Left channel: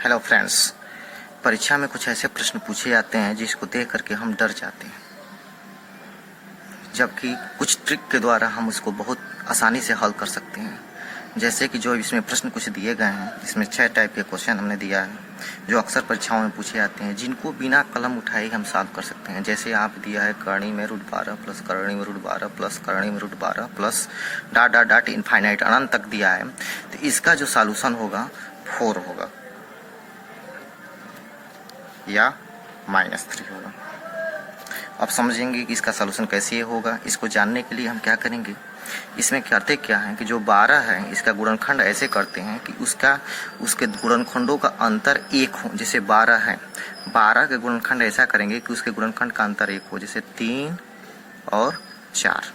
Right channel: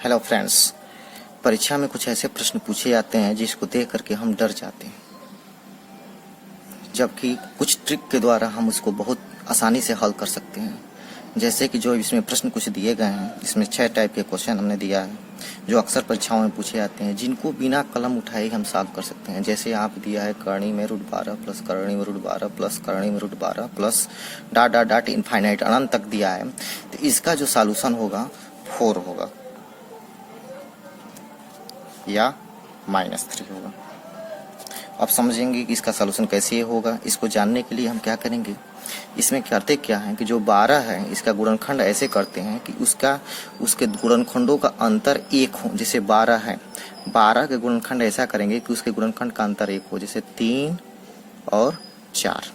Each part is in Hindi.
हेलो फ्रेंड्स, परीक्षा में कुछ ऐसे प्रश्न पूछे जाते हैं जिसको देख करके हम डर जाते हैं, जबकि कुछ ट्रिक के द्वारा हम उसको बहुत आसानी से हल कर सकते हैं। जैसे कि जो इसमें प्रश्न कुछ दिए गए हैं, इसमें 6 टाइप के क्वेश्चन हमने दिया है जो अक्सर परीक्षाओं में पूछे जाते हैं, जिनको बिना कलम उठाए हम सॉल्व कर सकते हैं। जैसे यहाँ पे दिया है करणी में रूट 12 प्लस करणी में रूट 12 प्लस करणी में root 12 plus dot dot dot infinite अनंत तक दिया है। तो इसका जो सॉल्यूशन होगा 4 होगा या -3 होगा। अब समझेंगे कि इसका सलूशन कैसे होगा। इसको जानने के लिए हम क्या करेंगे, इसमें करते क्या है कि जो 12 है इसका गुणनखंड ऐसे करते हैं कि उसके गुणनखंडों का अंतर 1 हो। जैसे 12 है, 12 के गुणनखंड ऐसा करेंगे कि उसके गुणनखंड का अंतर 1 हो। जैसे 3 और 4,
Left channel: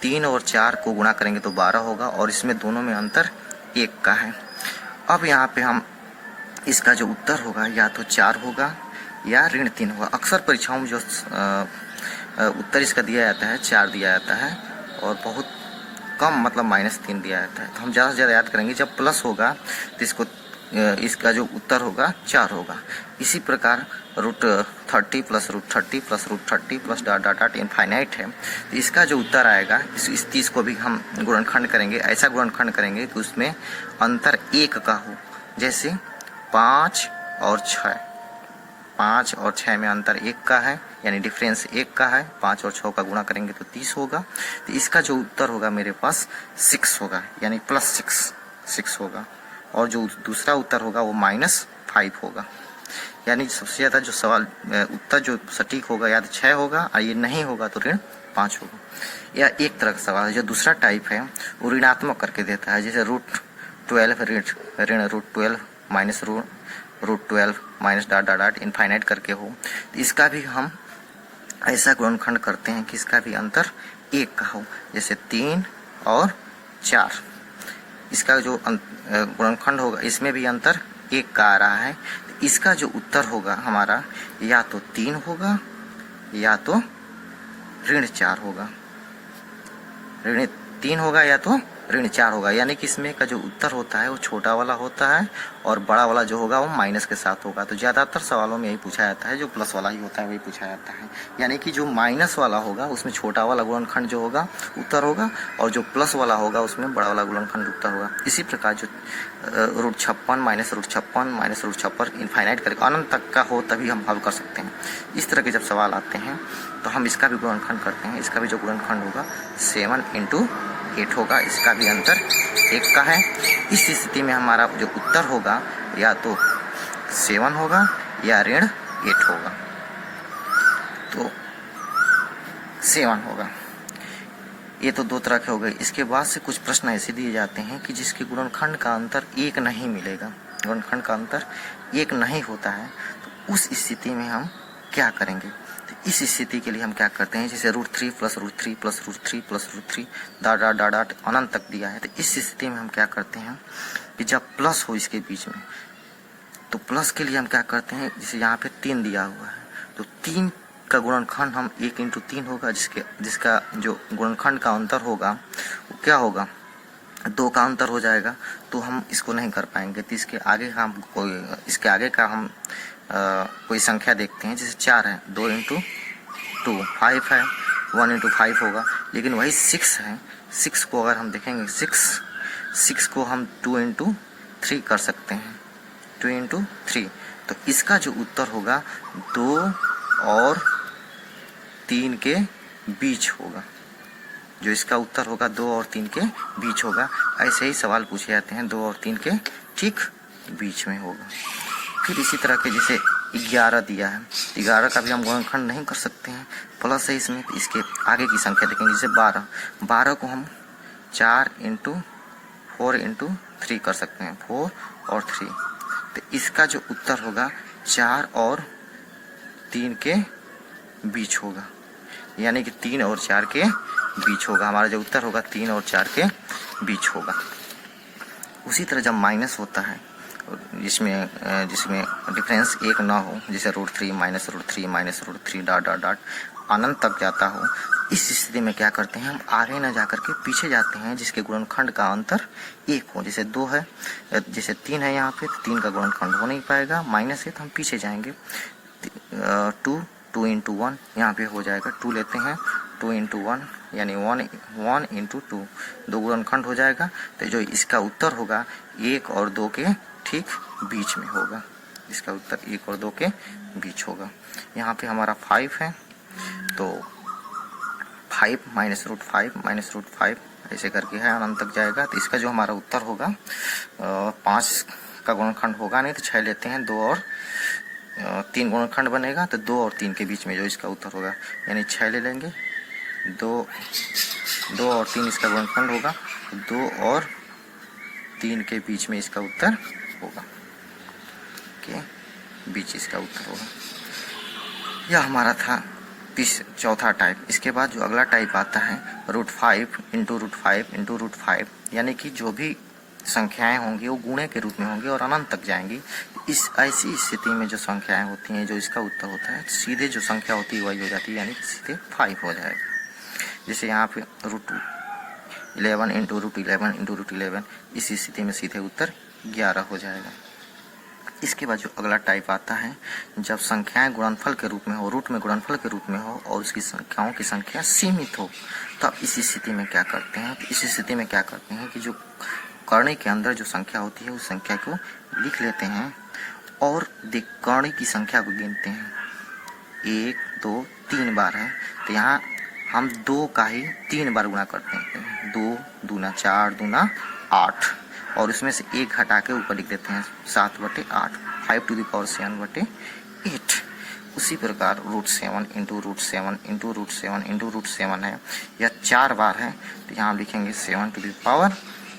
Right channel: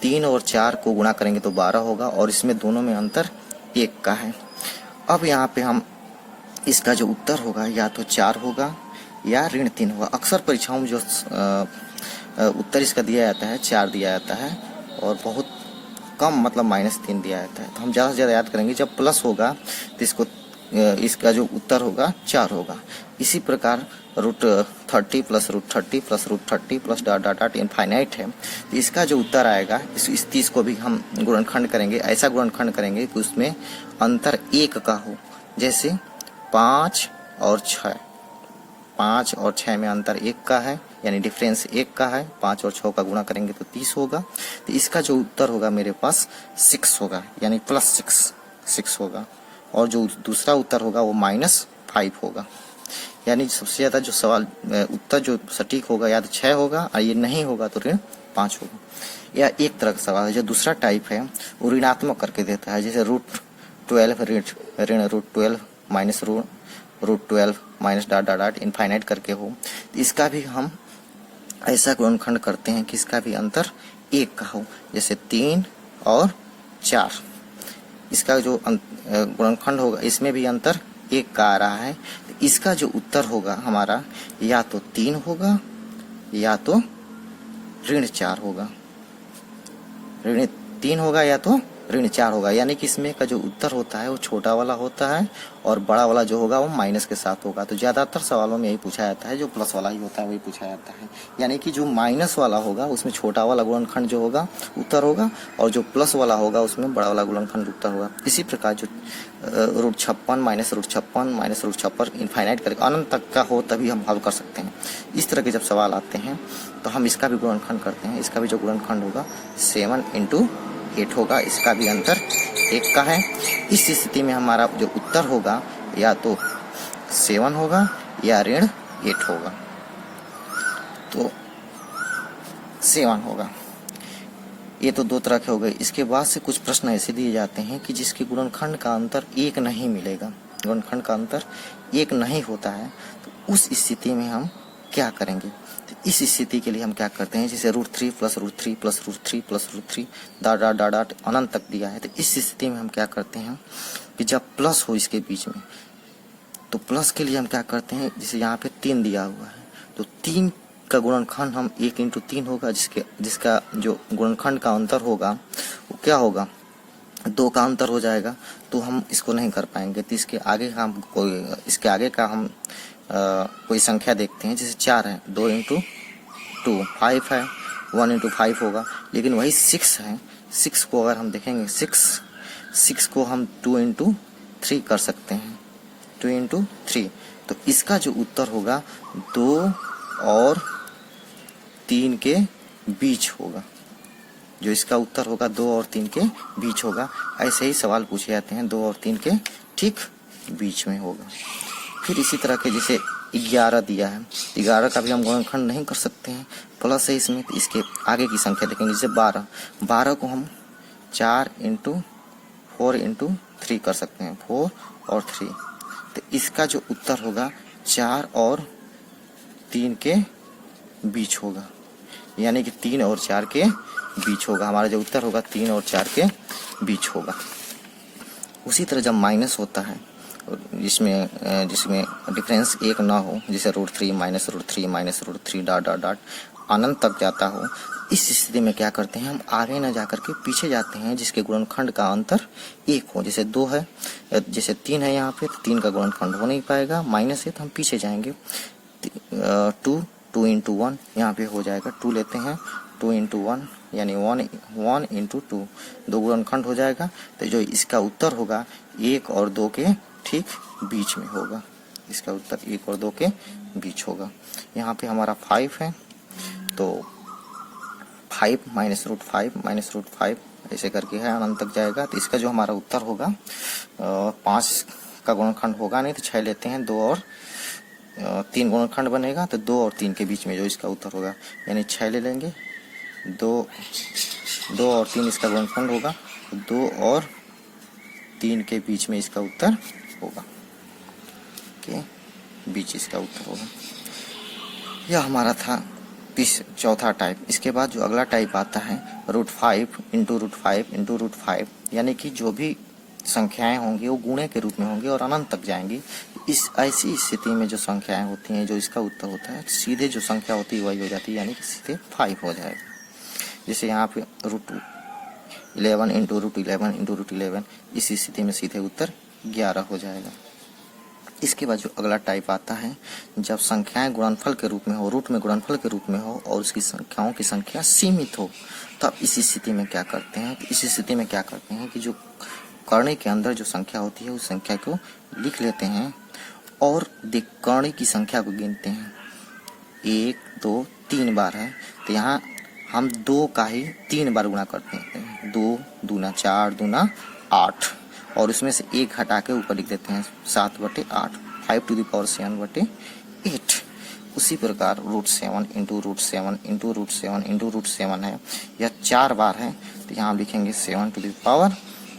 3 और 4 को गुणा करेंगे तो 12 होगा और इसमें दोनों में अंतर 1 का है। अब यहाँ पे हम इसका जो उत्तर होगा या तो 4 होगा या ऋण 3 होगा। अक्सर परीक्षाओं में जो उत्तर इसका दिया जाता है 4 दिया जाता है और बहुत कम मतलब -3 दिया जाता है। तो हम ज़्यादा से ज़्यादा याद करेंगे, जब प्लस होगा तो इसका जो उत्तर होगा 4 होगा। इसी प्रकार √30 plus √30 plus √30 plus dot dot dot infinite है, तो इसका जो उत्तर आएगा इस 30 को भी हम गुणनखंड करेंगे, ऐसा गुणनखंड करेंगे कि उसमें अंतर 1 का हो। जैसे 5 और 6, 5 और 6 में अंतर 1 का है, यानी डिफरेंस 1 का है। 5 और 6 का गुणा करेंगे तो 30 होगा। तो इसका जो उत्तर होगा मेरे पास 6 होगा, यानी +6 होगा। और जो दूसरा उत्तर होगा वो -5 होगा। यानी सबसे ज़्यादा जो सवाल उत्तर जो सटीक होगा या तो 6 होगा और ये नहीं होगा तो ऋण 5 होगा। या एक तरह का सवाल है जो दूसरा टाइप है वो ऋणात्मक करके देता है। जैसे √12 ऋण √12 minus √12 minus dot dot dot infinite करके हो। तो इसका भी हम ऐसा गुणनखंड करते हैं कि इसका भी अंतर 1 का हो। जैसे 3 और 4, इसका जो गुणनखंड होगा इसमें भी अंतर 1 का आ रहा है। तो इसका जो उत्तर होगा हमारा या तो 3 होगा या तो ऋण 4 होगा। ऋण 3 होगा या तो ऋण 4 होगा, यानी कि इसमें का जो उत्तर होता है वो छोटा वाला होता है और बड़ा वाला जो होगा वो माइनस के साथ होगा। तो ज़्यादातर सवालों में यही पूछा जाता है, जो प्लस वाला ही होता है वही पूछा जाता है। यानी कि जो माइनस वाला होगा उसमें छोटा वाला गुणनखंड जो होगा उत्तर होगा और जो प्लस वाला होगा उसमें बड़ा वाला गुणनखंड उत्तर होगा। इसी प्रकार जो √56 माइनस √56 माइनस √56 इनफाइनाइट करके अनंत तक का हो तभी हम हल कर सकते हैं। इस तरह के जब सवाल आते हैं तो हम इसका भी गुणनखंड करते हैं। इसका भी जो गुणनखंड होगा 7 × 8 होगा, इसका भी अंतर 1 का है। इस स्थिति में हमारा जो उत्तर होगा या तो 7 होगा या ऋण 8 होगा। तो 7 होगा। ये तो 2 तरह के हो गए। इसके बाद से कुछ प्रश्न ऐसे दिए जाते हैं कि जिसके गुणनखंड का अंतर 1 नहीं मिलेगा, गुणनखंड का अंतर 1 नहीं होता है। तो उस स्थिति में हम क्या करेंगे, तो इस स्थिति के लिए हम क्या करते हैं, जैसे √3 plus √3 plus √3 plus √3 dot dot dot dot अनंत तक दिया है। तो इस स्थिति में हम क्या करते हैं कि जब प्लस हो इसके बीच में, तो प्लस के लिए हम क्या करते हैं, जैसे यहाँ पे 3 दिया हुआ है तो 3 का गुणनखंड हम 1 × 3 होगा, जिसका जो गुणनखंड का अंतर होगा वो क्या होगा, 2 का अंतर हो जाएगा। तो हम इसको नहीं कर पाएंगे। तो इसके आगे का हम कोई संख्या देखते हैं। जैसे 4 है, 2 × 2 5 है, 1 × 5 होगा। लेकिन वही 6 है, 6 को अगर हम देखेंगे 6 को हम 2 × 3 कर सकते हैं, 2 × 3। तो इसका जो उत्तर होगा 2 और 3 के बीच होगा। जो इसका उत्तर होगा 2 और 3 के बीच होगा। ऐसे ही सवाल पूछे जाते हैं, 2 और 3 के ठीक बीच में होगा। फिर इसी तरह के जैसे 11 दिया है, 11 का भी हम गुणनखंड नहीं कर सकते हैं, प्लस है इसमें। तो इसके आगे की संख्या देखेंगे, जैसे 12 को हम 4 × 4 × 3 कर सकते हैं, 4 और 3। तो इसका जो उत्तर होगा 4 और 3 के बीच होगा, यानी कि 3 और 4 के बीच होगा। हमारा जो उत्तर होगा 3 और 4 के बीच होगा। उसी तरह जब माइनस होता है जिसमें डिफरेंस 1 ना हो, जैसे √3 minus √3 minus √3 dot dot dot अनंत तक जाता हो, इस स्थिति में क्या करते हैं, हम आगे न जाकर के पीछे जाते हैं जिसके गुणनखंड का अंतर 1 हो। जैसे 2 है, जैसे 3 है यहाँ पे, तो 3 का गुणनखंड हो नहीं पाएगा, माइनस है तो हम पीछे जाएंगे। 2 इंटू 1 यहाँ पे हो जाएगा, 2 लेते हैं, 2 इंटू 1 यानी 1 इंटू 2, 2 गुणनखंड हो जाएगा। तो जो इसका उत्तर होगा 1 और 2 के ठीक बीच में होगा, इसका उत्तर 1 और 2 के बीच होगा। यहाँ पे हमारा 5 है, तो 5 माइनस रूट 5 ऐसे करके है, अनंत तक जाएगा। तो इसका जो हमारा उत्तर होगा 5 का गुणनखंड होगा नहीं, तो 6 लेते हैं, 2 और 3 गुणनखंड बनेगा, तो 2 और 3 के बीच में जो इसका उत्तर होगा, यानी 6 ले लेंगे, 2 और 3 इसका गुणनखंड होगा, 2 और 3 के बीच में इसका उत्तर होगा, के बीच इसका उत्तर होगा। यह हमारा था चौथा टाइप। इसके बाद जो अगला टाइप आता है √5 इंटू √5 यानी कि जो भी संख्याएं होंगी वो गुणे के रूप में होंगी और अनंत तक जाएंगी। इस ऐसी स्थिति में जो संख्याएं होती हैं, जो इसका उत्तर होता है, सीधे जो संख्या होती है वही हो जाती है, यानी कि सीधे 5 हो जाएगा। जैसे यहाँ पे √11 इंटू √11 इस स्थिति में सीधे उत्तर 11 हो जाएगा। इसके बाद जो अगला टाइप आता है, जब संख्याएं गुणनफल के रूप में हो, रूट में गुणनफल के रूप में हो और उसकी संख्याओं की संख्या सीमित हो, तब इस स्थिति में क्या करते हैं, तो इस स्थिति में क्या करते हैं कि जो करणी के अंदर जो संख्या होती है उस संख्या को लिख लेते हैं और करणी की संख्या को गिनते हैं। 1 2 3 बार है, तो यहाँ हम 2 का ही 3 बार गुणा करते हैं, 2 दूना 4 दूना 8, और इसमें से 1 हटा के ऊपर लिख देते हैं 7/8, 5 टू द पावर 7/8। उसी प्रकार √7 इंटू √7 इंटू √7 इंटू √7 है, यह 4 बार है, तो यहाँ हम लिखेंगे 7 टू द पावर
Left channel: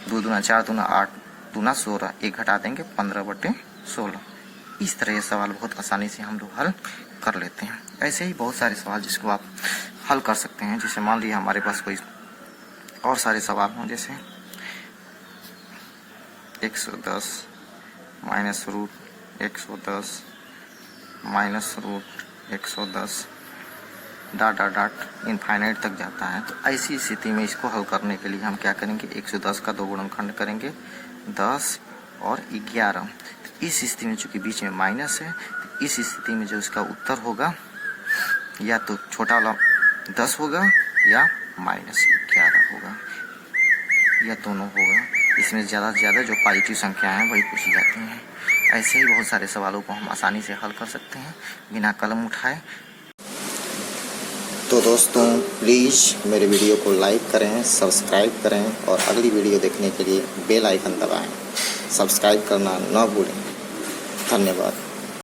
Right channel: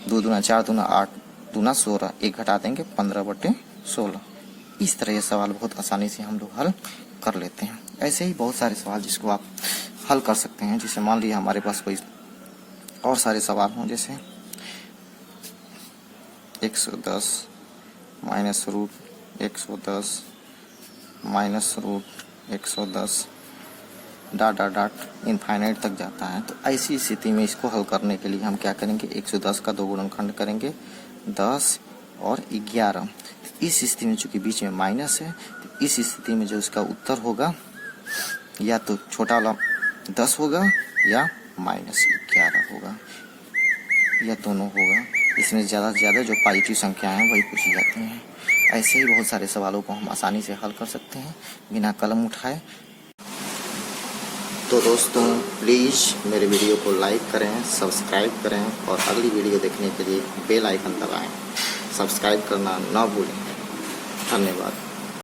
2 दूना 4 दूना 8 दूना 16, 1 हटा देंगे 15/16। इस तरह ये सवाल बहुत आसानी से हम लोग हल कर लेते हैं। ऐसे ही बहुत सारे सवाल जिसको आप हल कर सकते हैं। जैसे मान लीजिए हमारे पास कोई और सारे सवाल हों, जैसे 110 माइनस √110 माइनस √110 डॉट इनफाइनाइट तक जाता है। तो ऐसी स्थिति में इसको हल करने के लिए हम क्या करेंगे, 110 का 2 गुणनखंड करेंगे, 10 और 11। तो इस स्थिति में चूंकि बीच में माइनस है, तो इस स्थिति में जो इसका उत्तर होगा या तो छोटा वाला 10 होगा या -11 होगा, या दोनों होगा। इसमें ज़्यादा से ज़्यादा जो पॉजिटिव संख्या है वही पूछी जाती हैं। ऐसे ही बहुत सारे सवालों को हम आसानी से हल कर सकते हैं बिना कलम उठाए। तो दोस्तों प्लीज़ मेरे वीडियो को लाइक करें, सब्सक्राइब करें और अगली वीडियो देखने के लिए बेल आइकन दबाएं। सब्सक्राइब करना ना भूलें। धन्यवाद।